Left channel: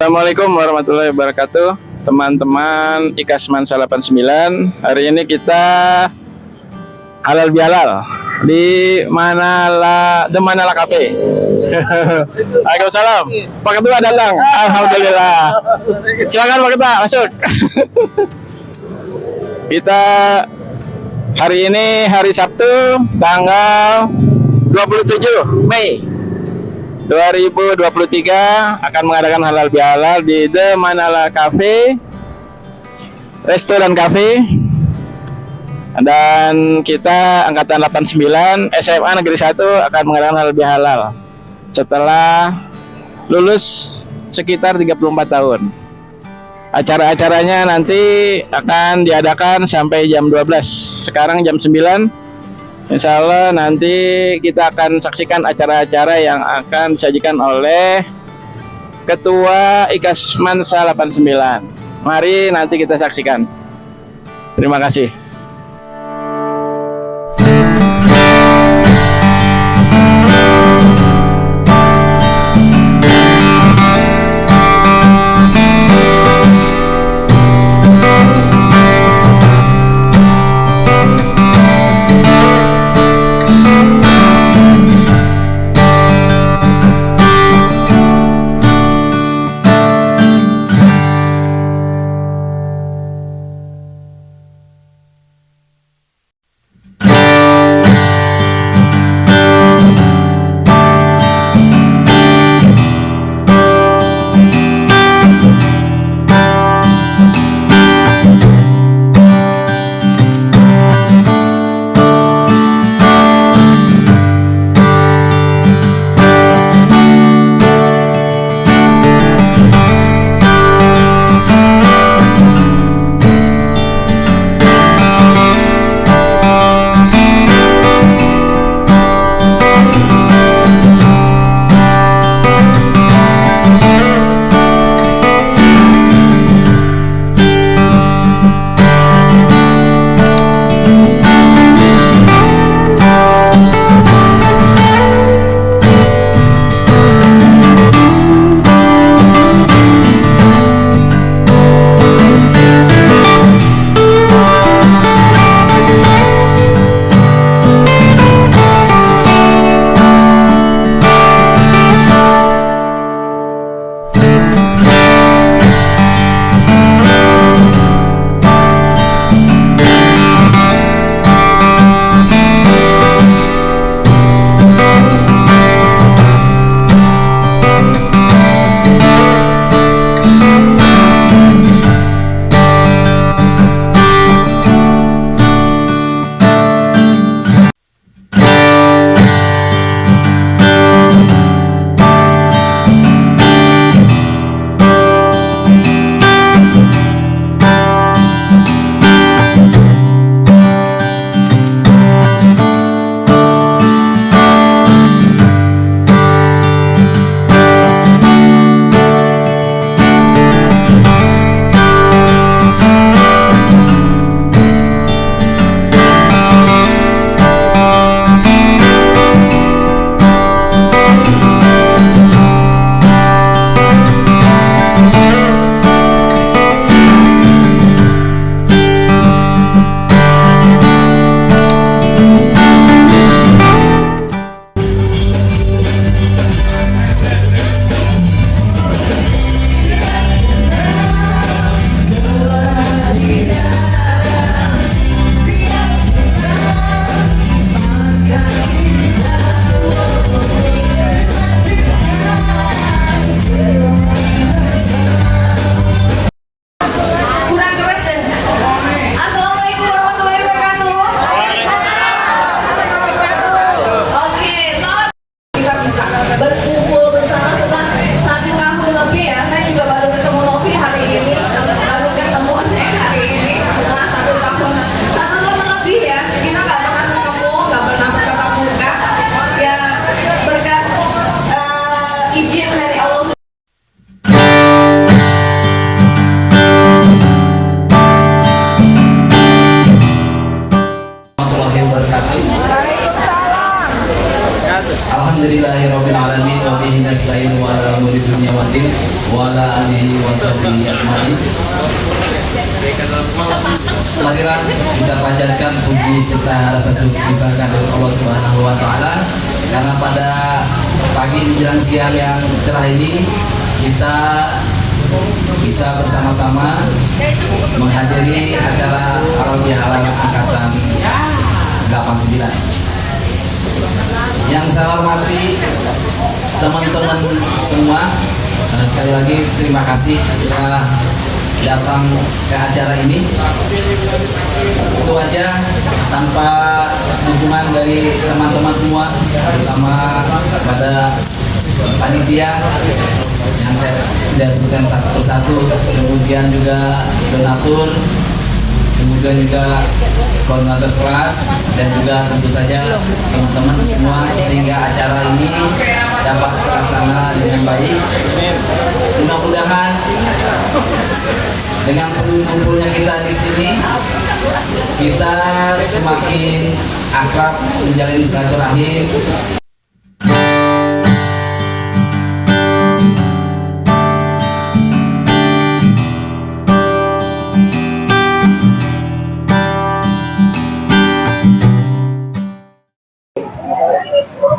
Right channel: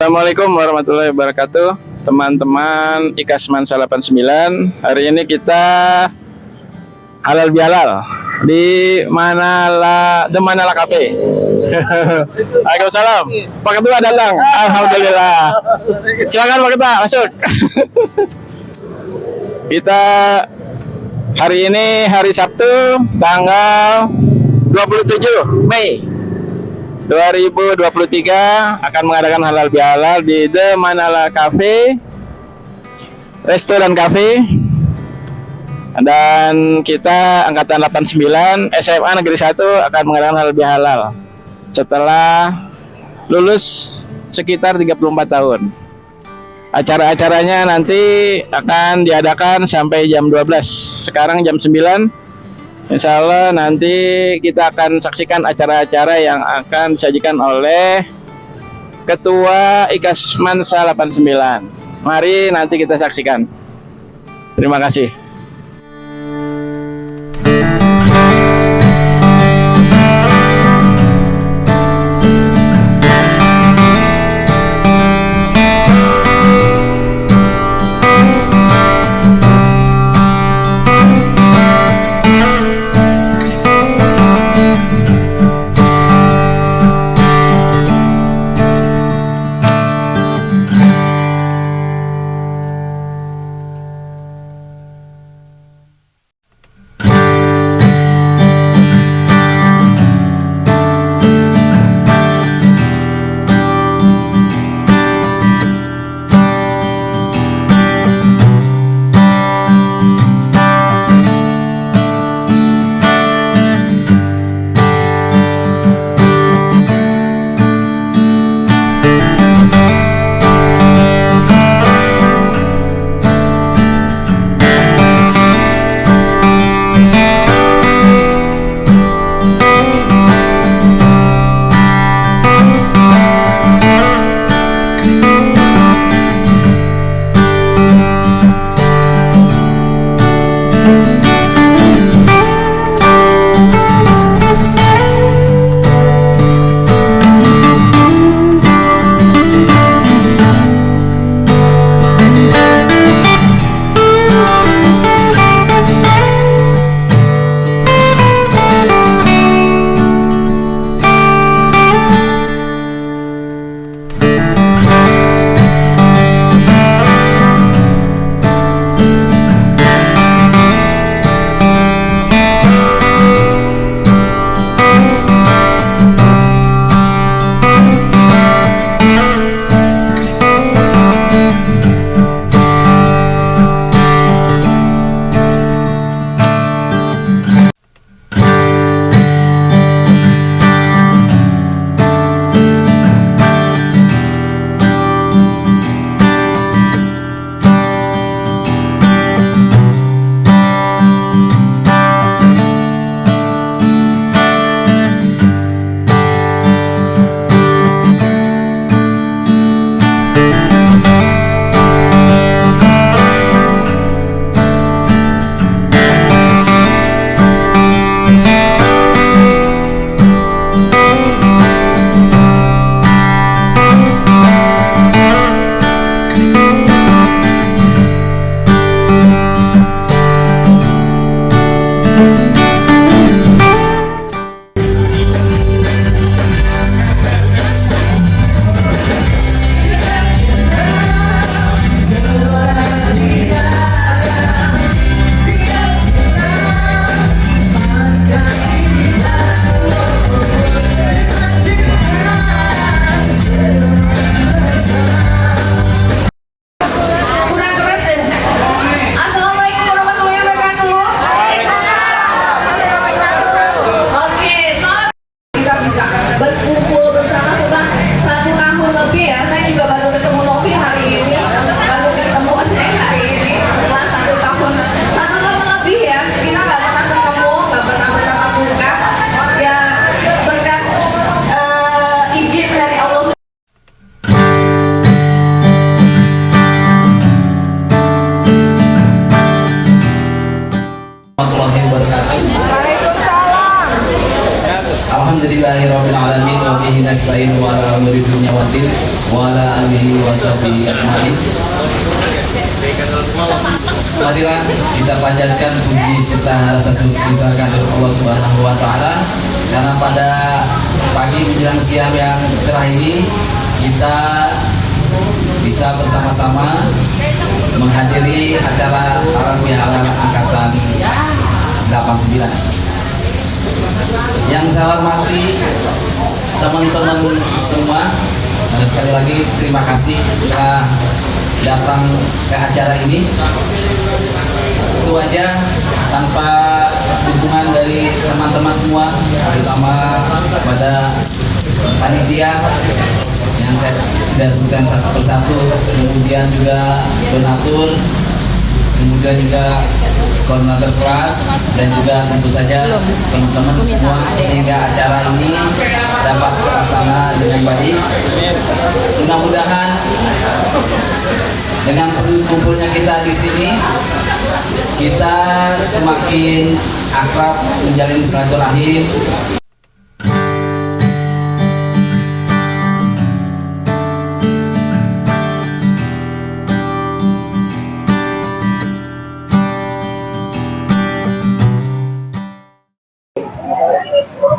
Assalamualaikum warahmatullahi wabarakatuh, teman-teman Ikasman 89. Hari ini kita halal bihalal di The Manala Cafe. Waalaikumsalam. Pak Ketua datang. Alhamdulillah. Silakan Pak Ketua masuk. Kita hari ini hari Sabtu tanggal 27 Mei 2023 akan mengadakan halal bihalal di The Manala Cafe, resto dan cafe. Dan kita angkatan 89 SMA Negeri 1 akan mengadakan halal bihalal setelah lulus sekitar 34 tahun. Acara-acaranya nanti akan diadakan sampai jam 12. Sekarang jam 9. Insya Allah nanti kita akan saksikan acara-acara yang akan disajikan oleh Ketua Ikasman 89. Mari nanti kita saksikan. Terima kasih. ala alihi washabihi ajmain. Marilah kita panjatkan puji serta rasa syukur kita kepada Allah Subhanahu wa taala karena pada pagi menjelang siang yang cerah ini kita bisa bersama-sama menghadiri acara halal bihalal angkatan 89. Yang saya hormati teman-teman semua, sekali lagi terima kasih telah datang ke acara ini. Itu aja, tanpa dukungan dari teman-teman semua, terutama pada panitia yang saya sudah sebutkan satu persatu, kemudian juga donatur, kemudian juga koordinator kelas, dan juga tentu saja teman-teman semua, sehingga acara ini dapat terlaksana dengan baik. Mudah-mudahan dengan kumpulnya kita di sini, kita semakin akrab, menjalin silaturahmi.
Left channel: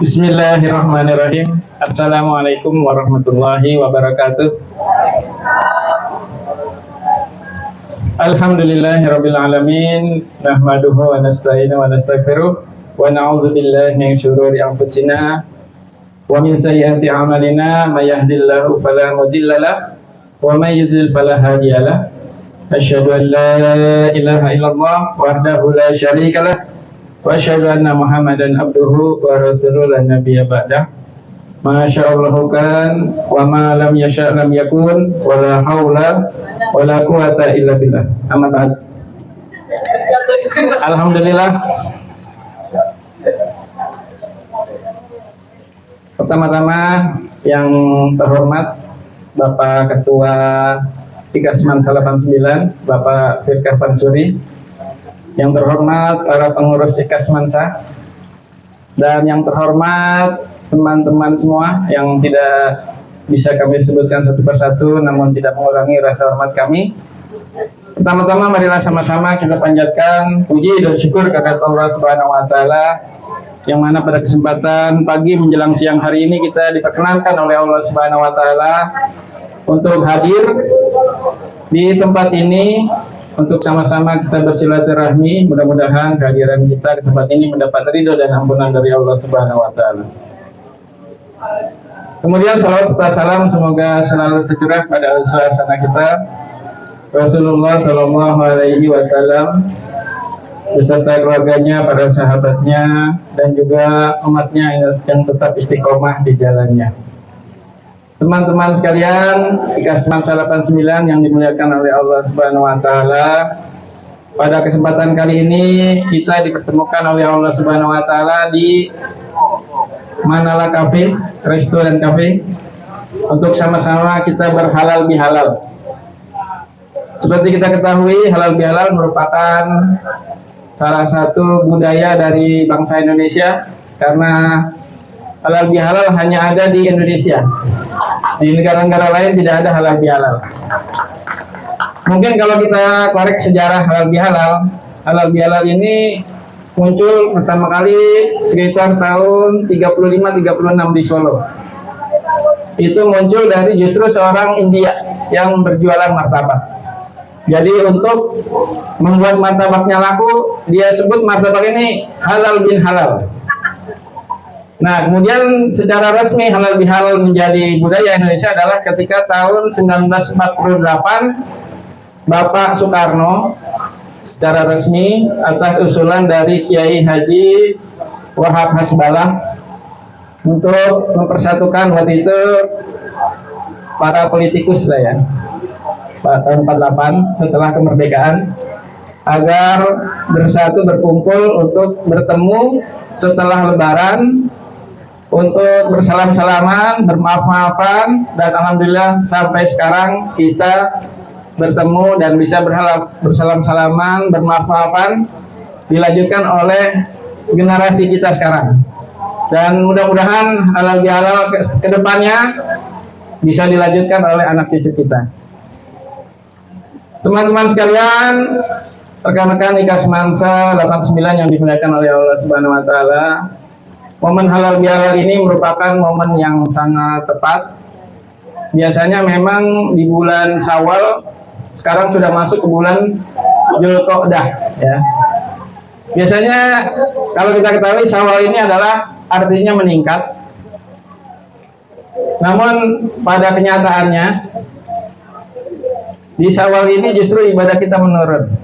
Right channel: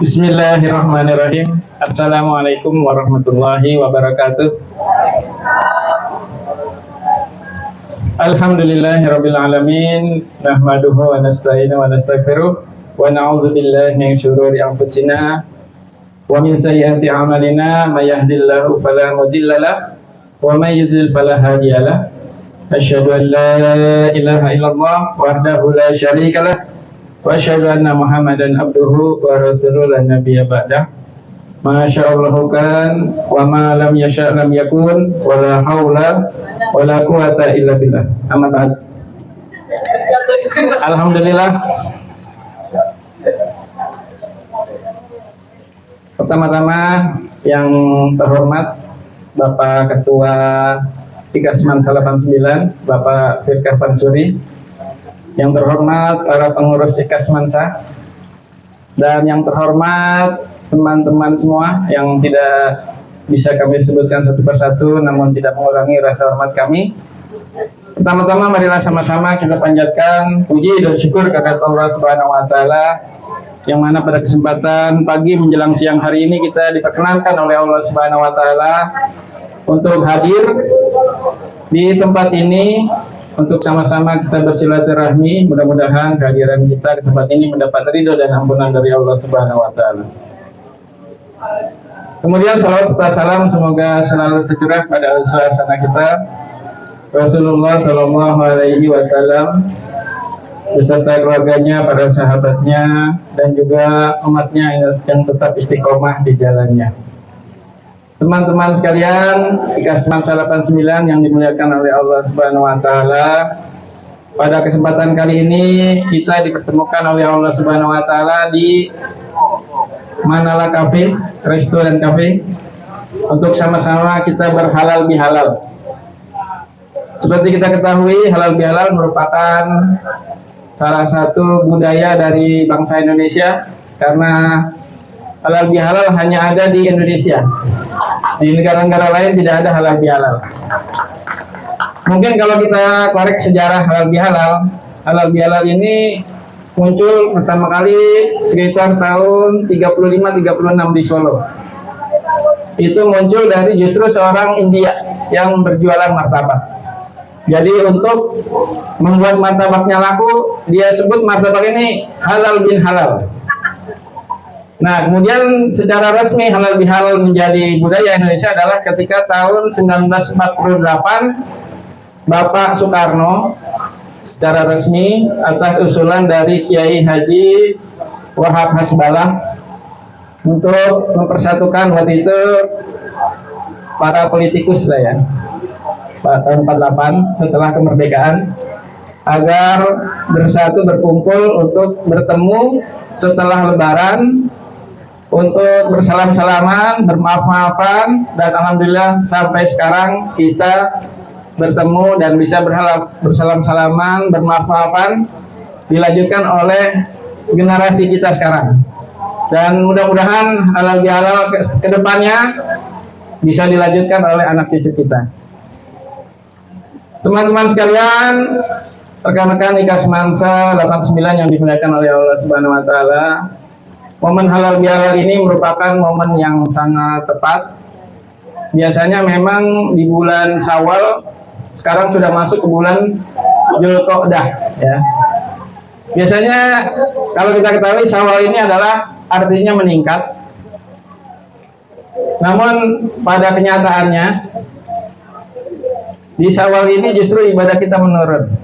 Bismillahirrahmanirrahim. Assalamualaikum warahmatullahi wabarakatuh. Alhamdulillahirabbil alamin, nahmaduhu wa nasta'inu wa nastaghfiruh wa na'udzu billahi min syururi anfusina wa min sayyiati a'malina, may yahdihillahu fala mudhillalah wa may yudhlil fala hadiyalah. Asyhadu an la ilaha illallah wahdahu la syarikalah wa asyhadu anna Muhammadan abduhu wa rasuluhu la nabiyya ba'dah. Masya Allah kan, wa ma lam yasha' lam yakun, wa la hawla wa la quwata illa billah. Amma ba'd. Alhamdulillah. Pertama-tama yang terhormat Bapak Ketua Ikasman 89, Bapak Firkah Pansuri, yang terhormat para pengurus Ikasmansa, dan yang terhormat teman-teman semua yang tidak bisa kami sebutkan satu persatu, namun tidak mengurangi rasa hormat kami. Pertama-tama marilah sama-sama kita panjatkan puji dan syukur kepada Allah Subhanahu wa taala, yang mana pada kesempatan pagi menjelang siang hari ini kita diperkenankan oleh Allah Subhanahu wa taala untuk hadir di tempat ini untuk sama-sama kita bersilaturahmi. Mudah-mudahan kehadiran kita di tempat ini mendapat ridho dan ampunan dari Allah Subhanahu wa taala. Kemudian salawat serta salam semoga selalu tercurah pada suasana kita Rasulullah Shallallahu Alaihi Wasallam beserta keluarganya, para sahabatnya, dan juga umatnya yang tetap istiqomah di jalannya. Teman-teman sekalian, Ikasman 89 yang dimuliakan oleh Allah Subhanahu wa taala, pada kesempatan kali ini kita dipertemukan oleh Allah Subhanahu wa taala di Manala Cafe, Resto dan Cafe, untuk sama-sama kita berhalal bihalal. Seperti kita ketahui, halal bihalal merupakan salah satu budaya dari bangsa Indonesia, karena halal bihalal hanya ada di Indonesia. Di negara-negara lain tidak ada halal bihalal. Mungkin kalau kita korek sejarah halal bihalal ini muncul pertama kali sekitar tahun 35-36 di Solo. Itu muncul dari justru seorang India yang berjualan martabak. Jadi untuk membuat martabaknya laku, dia sebut martabak ini halal bin halal. Nah, kemudian secara resmi halal bihalal menjadi budaya Indonesia adalah ketika tahun 1948 Bapak Soekarno secara resmi atas usulan dari Kiai Haji Wahab Hasbalah untuk mempersatukan waktu itu para politikus lah ya, tahun 48 setelah kemerdekaan, agar bersatu berkumpul untuk bertemu setelah Lebaran untuk bersalam-salaman, bermaaf-maafan, dan alhamdulillah sampai sekarang kita bertemu dan bisa bersalam-salaman, bermaaf-maafan, dilanjutkan oleh generasi kita sekarang. Dan mudah-mudahan halal bihalal ke depannya bisa dilanjutkan oleh anak cucu kita. Teman-teman sekalian, rekan-rekan nikah semansa 89 yang dimuliakan oleh Allah Subhanahu wa taala, momen halal bihalal ini merupakan momen yang sangat tepat. Biasanya memang di bulan Syawal, sekarang sudah masuk ke bulan Dzulqa'dah ya. Biasanya kalau kita ketahui Syawal ini adalah artinya meningkat. Namun pada kenyataannya di Syawal ini justru ibadah kita menurun.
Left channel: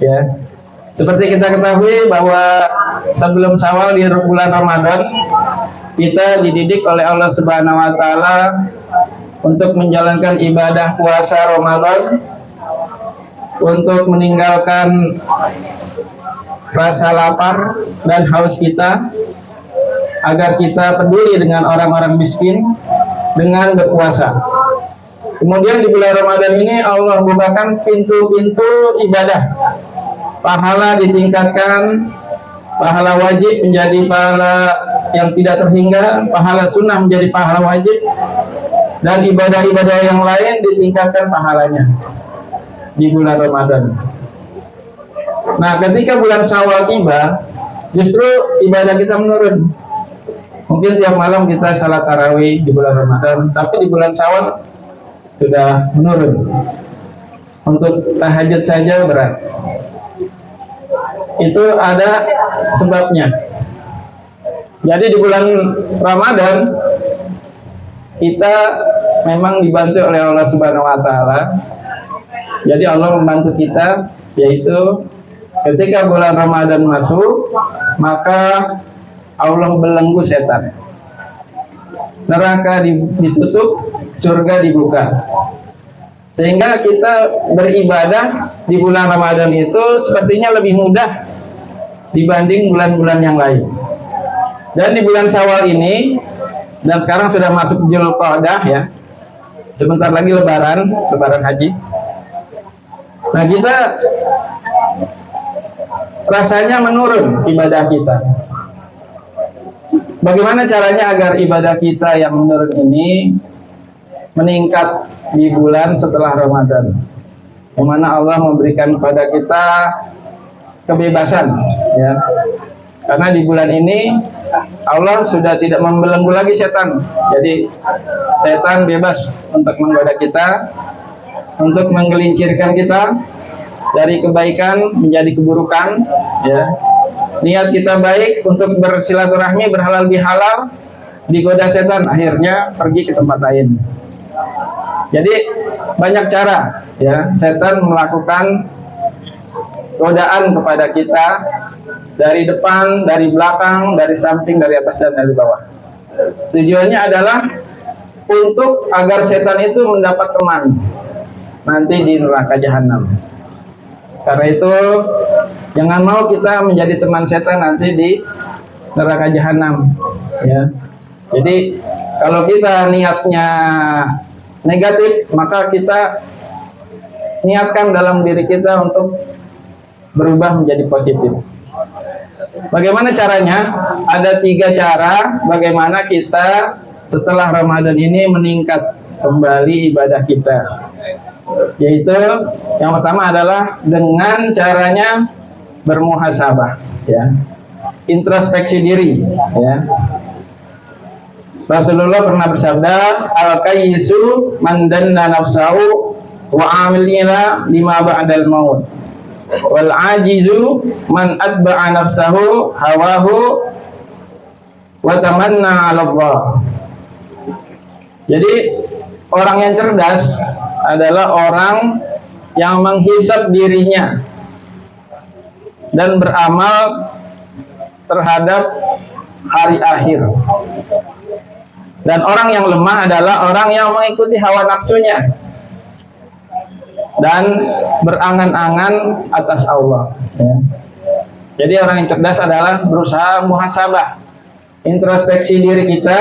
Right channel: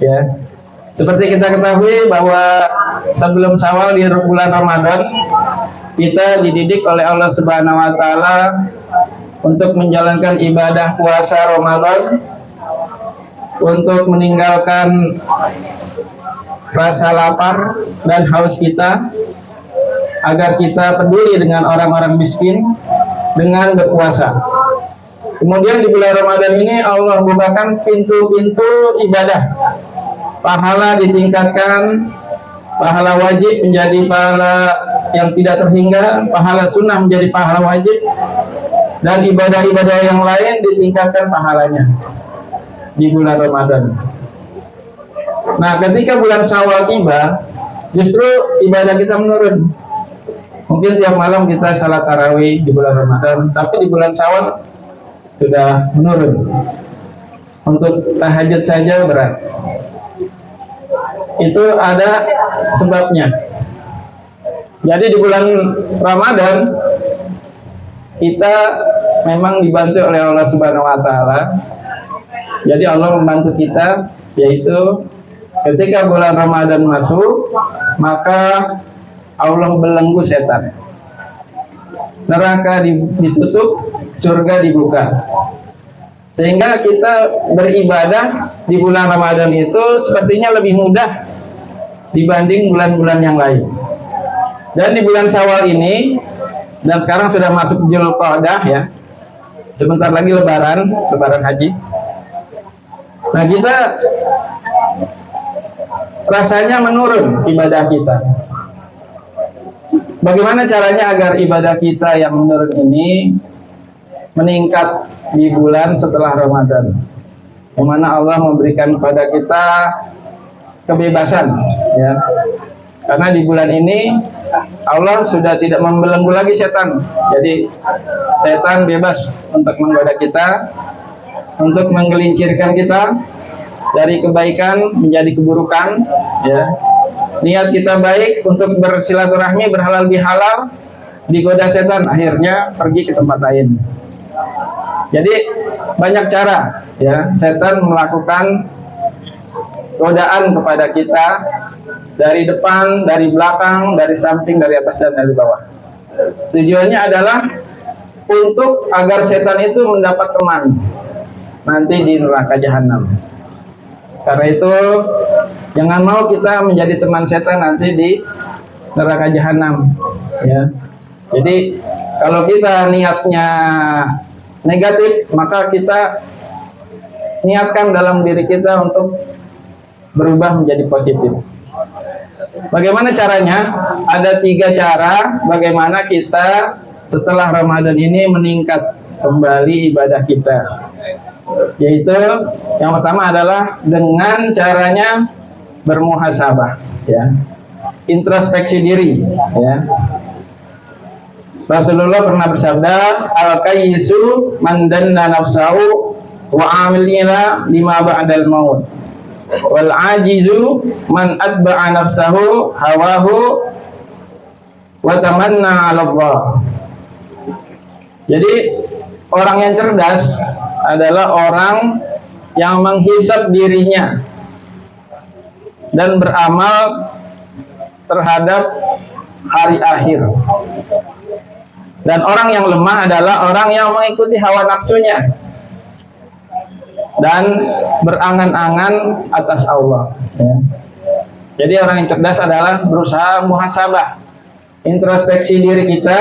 Ya. Seperti kita ketahui bahwa sebelum Syawal di bulan Ramadan kita dididik oleh Allah Subhanahu wa taala untuk menjalankan ibadah puasa Ramadan, untuk meninggalkan rasa lapar dan haus kita, agar kita peduli dengan orang-orang miskin dengan berpuasa. Kemudian di bulan Ramadan ini Allah bukakan pintu-pintu ibadah. Pahala ditingkatkan, pahala wajib menjadi pahala yang tidak terhingga, pahala sunnah menjadi pahala wajib, dan ibadah-ibadah yang lain ditingkatkan pahalanya di bulan Ramadan. Nah, ketika bulan Syawal tiba, justru ibadah kita menurun. Mungkin tiap malam kita salat tarawih di bulan Ramadan, tapi di bulan Syawal sudah menurun. Untuk tahajud saja berat. Itu ada sebabnya. Jadi di bulan Ramadan kita memang dibantu oleh Allah Subhanahu wa taala. Jadi Allah membantu kita, yaitu ketika bulan Ramadan masuk, maka Allah belenggu setan. Neraka ditutup, surga dibuka. Sehingga kita beribadah di bulan Ramadan itu sepertinya lebih mudah dibanding bulan-bulan yang lain. Dan di bulan Syawal ini, dan sekarang sudah masuk Dzulqa'dah ya, sebentar lagi lebaran haji. Nah, kita rasanya menurun ibadah kita. Bagaimana caranya agar ibadah kita yang menurun ini meningkat di bulan setelah Ramadan, di mana Allah memberikan kepada kita kebebasan ya. Karena di bulan ini Allah sudah tidak membelenggu lagi setan. Jadi setan bebas untuk menggoda kita, untuk menggelincirkan kita dari kebaikan menjadi keburukan ya. Niat kita baik untuk bersilaturahmi, berhalal bihalal, digoda setan, akhirnya pergi ke tempat lain. Jadi banyak cara ya setan melakukan godaan kepada kita dari depan, dari belakang, dari samping, dari atas dan dari bawah. Tujuannya adalah untuk agar setan itu mendapat teman nanti di neraka jahanam. Karena itu jangan mau kita menjadi teman setan nanti di neraka jahanam ya. Jadi kalau kita niatnya negatif, maka kita niatkan dalam diri kita untuk berubah menjadi positif. Bagaimana caranya? Ada 3 cara bagaimana kita setelah Ramadan ini meningkat kembali ibadah kita. Yaitu yang pertama adalah dengan caranya bermuhasabah ya. Introspeksi diri ya. Rasulullah pernah bersabda, al-kayyisu man danna nafsahu wa amilina lima ba'dal maut. Wal ajizu man atba'a nafsahu hawahu wa tamanna 'ala Allah. Jadi orang yang cerdas adalah orang yang menghisap dirinya dan beramal terhadap hari akhir. Dan orang yang lemah adalah orang yang mengikuti hawa nafsunya dan berangan-angan atas Allah ya. Jadi orang yang cerdas adalah berusaha muhasabah, introspeksi diri kita.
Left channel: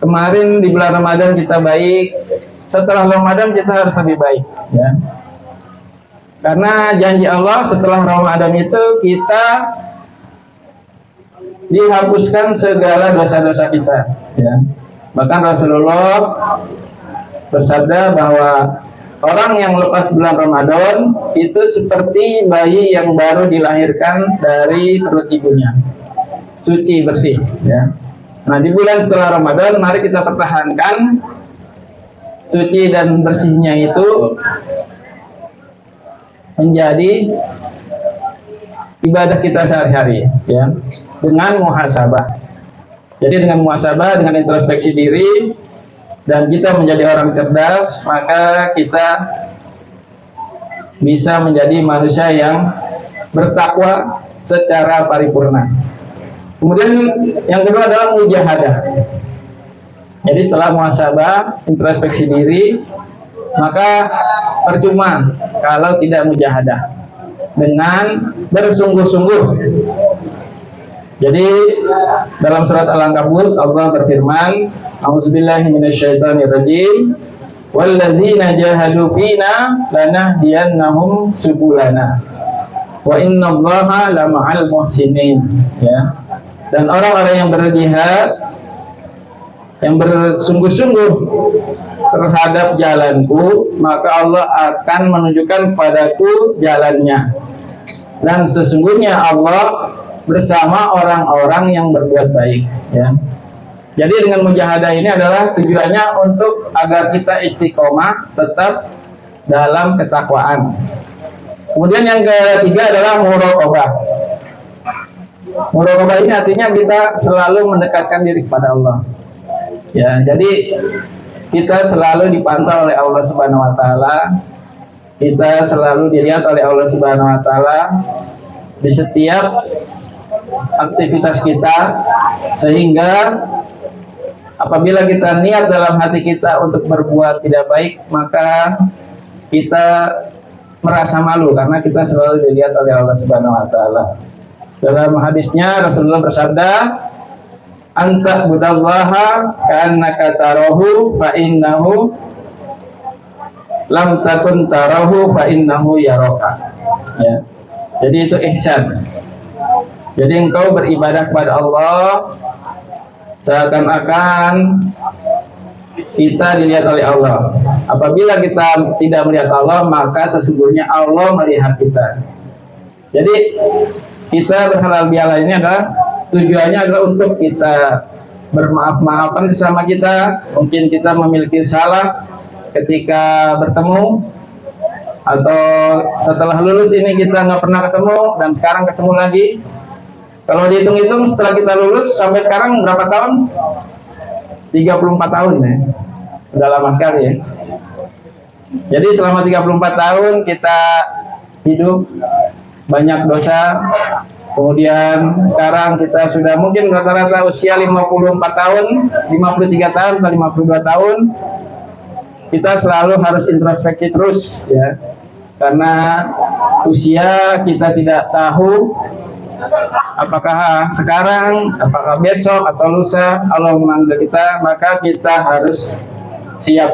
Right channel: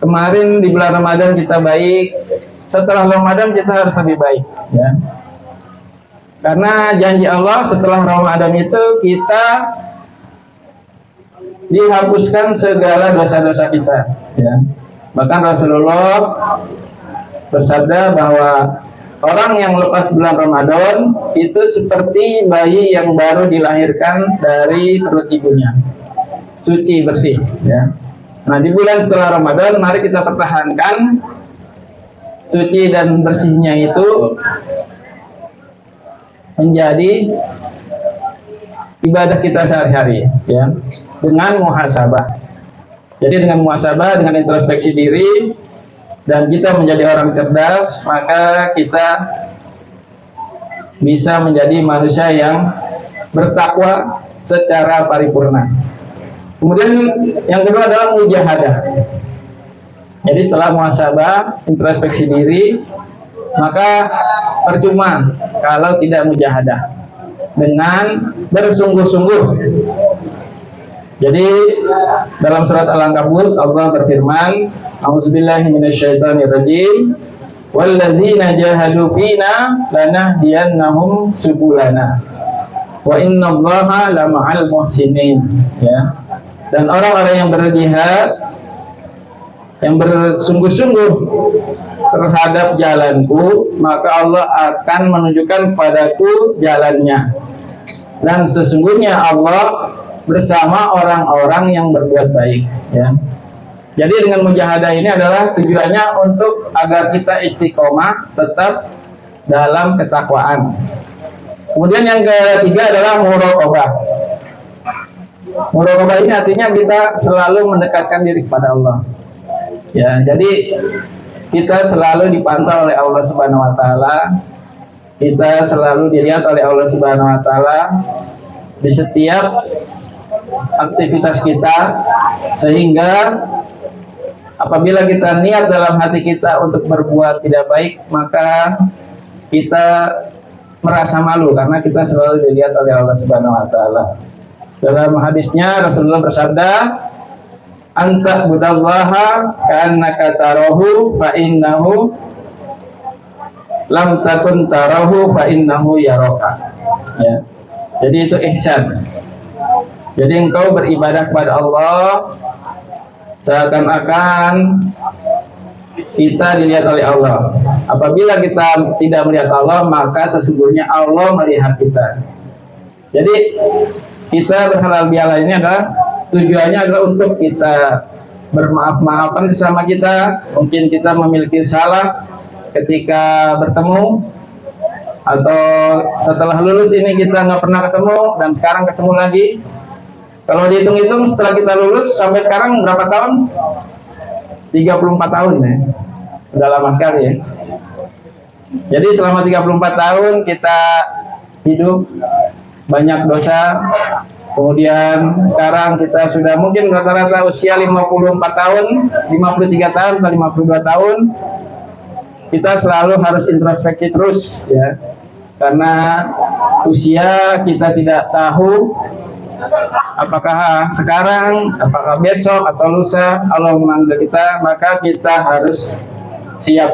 Kemarin di bulan Ramadan kita baik, setelah Ramadan kita harus lebih baik ya. Karena janji Allah setelah Ramadan itu kita dihapuskan segala dosa-dosa kita ya. Bahkan Rasulullah bersabda bahwa orang yang lepas bulan Ramadan itu seperti bayi yang baru dilahirkan dari perut ibunya, suci bersih ya. Nah, di bulan setelah Ramadan mari kita pertahankan suci dan bersihnya itu menjadi ibadah kita sehari-hari ya, dengan muhasabah. Jadi dengan muhasabah, dengan introspeksi diri, dan kita menjadi orang cerdas, maka kita bisa menjadi manusia yang bertakwa secara paripurna. Kemudian yang kedua adalah mujahadah. Jadi setelah muhasabah, introspeksi diri, maka percuma kalau tidak mujahadah dengan bersungguh-sungguh. Jadi dalam surat Al-Ankabut Allah berfirman, A'udzubillahi minasyaitonirrajim, walladzina jahadu fina lanahdiyannahum subulana wa innallaha lama'al muhsinin ya. Dan orang-orang yang berjihad, yang bersungguh-sungguh terhadap jalanku, maka Allah akan menunjukkan kepadaku jalannya, dan sesungguhnya Allah bersama orang-orang yang berbuat baik ya. Jadi dengan mujahadah ini adalah tujuannya untuk agar kita istiqomah tetap dalam ketakwaan. Kemudian yang ketiga adalah muraqabah. Muraqabah ini artinya kita selalu mendekatkan diri kepada Allah ya. Jadi kita selalu dipantau oleh Allah Subhanahu wa taala. Kita selalu dilihat oleh Allah Subhanahu wa taala di setiap aktivitas kita, sehingga apabila kita niat dalam hati kita untuk berbuat tidak baik, maka kita merasa malu karena kita selalu dilihat oleh Allah Subhanahu wa taala. Dalam hadisnya Rasulullah bersabda, anta budallaha ka'annaka tarahu fa innahu lam takun tarahu fa innahu yaraka ya. Jadi itu ihsan. Jadi engkau beribadah kepada Allah seakan-akan kita dilihat oleh Allah. Apabila kita tidak melihat Allah, maka sesungguhnya Allah melihat kita. Jadi kita berhalal bihalal ini adalah tujuannya adalah untuk kita bermaaf-maafan sesama kita. Mungkin kita memiliki salah ketika bertemu, atau setelah lulus ini kita nggak pernah ketemu dan sekarang ketemu lagi. Kalau dihitung-hitung setelah kita lulus sampai sekarang berapa tahun? 34 tahun ya. Udah lama sekali ya. Jadi selama 34 tahun kita hidup banyak dosa. Kemudian sekarang kita sudah mungkin rata-rata usia 54 tahun, 53 tahun atau 52 tahun. Kita selalu harus introspeksi terus ya. Karena usia kita tidak tahu apakah sekarang, apakah besok atau lusa Allah memanggil kita, maka kita harus siap.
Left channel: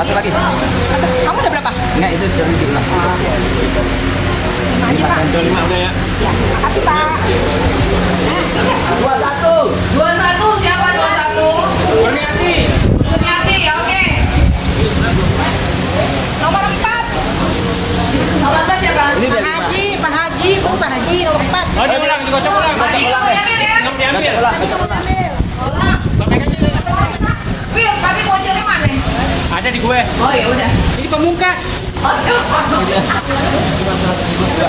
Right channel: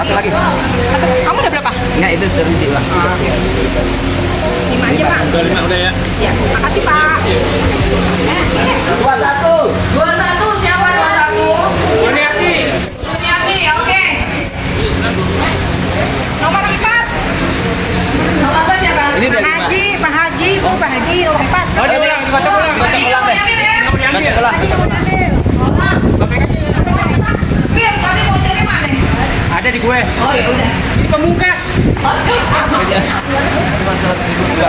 Satu lagi. Kamu udah berapa? Enggak, itu dari diulang. Oke. 5 aja, Pak. Udah 5 udah ya. Ya, makasih, Pak. 21. 21 siapa 21? Kurniati. Kurniati, oke. Nomor 4. Nomor 4 siapa? Ini Pak dari Haji, Pak Haji, Bu, Pak Haji, nomor 4. Oh, dikocok ulang deh. Haji kamu nyambil ya? Kocok ulang. Haji kamu ambil. Fir, tadi mau cari mana? Ada di gue. Oh ya udah. Ini pemungkas. Cuma 100.000 juga.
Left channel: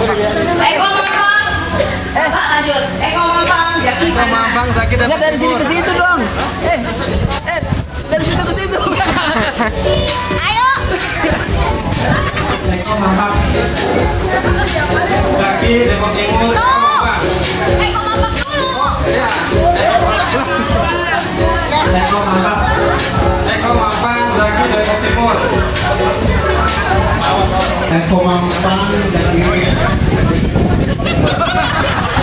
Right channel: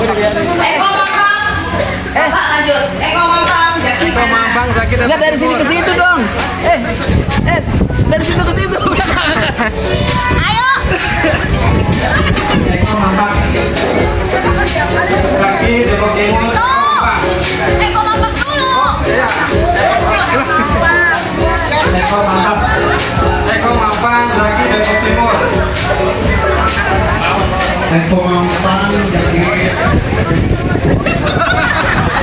Eko Mampang. Bapak lanjut. Eko Mampang. Jaki mana? Zaki dapat dari sini ke situ dong. Dari situ ke situ. Ayo. Zaki Depok Timur. Eko Mampang dulu. Eko Mampang Zaki Depok Timur. Eko Mampang Zaki.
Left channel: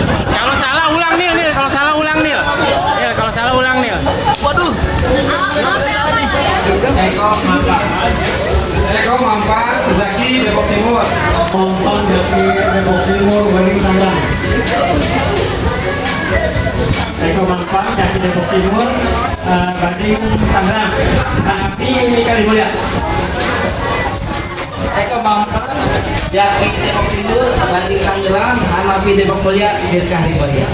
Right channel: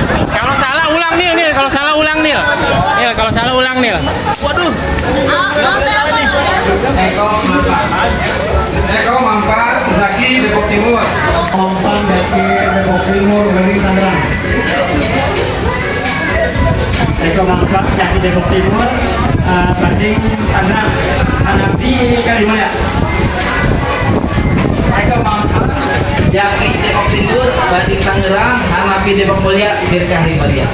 Kalau salah ulang Nil. Kalau salah ulang Nil. Ya, kalau salah ulang Nil. Waduh. Eko Mampang Zaki Depok Timur. Mampang Zaki Depok Timur Gading Tangerang. Eko Mampang Zaki Depok Timur, Gading Tangerang. Hanapi Kalimulia. Eko Mampang Jaki Depok Timur, Gading Tangerang, Hanapi Depok Mulia, Dirkah Himariah.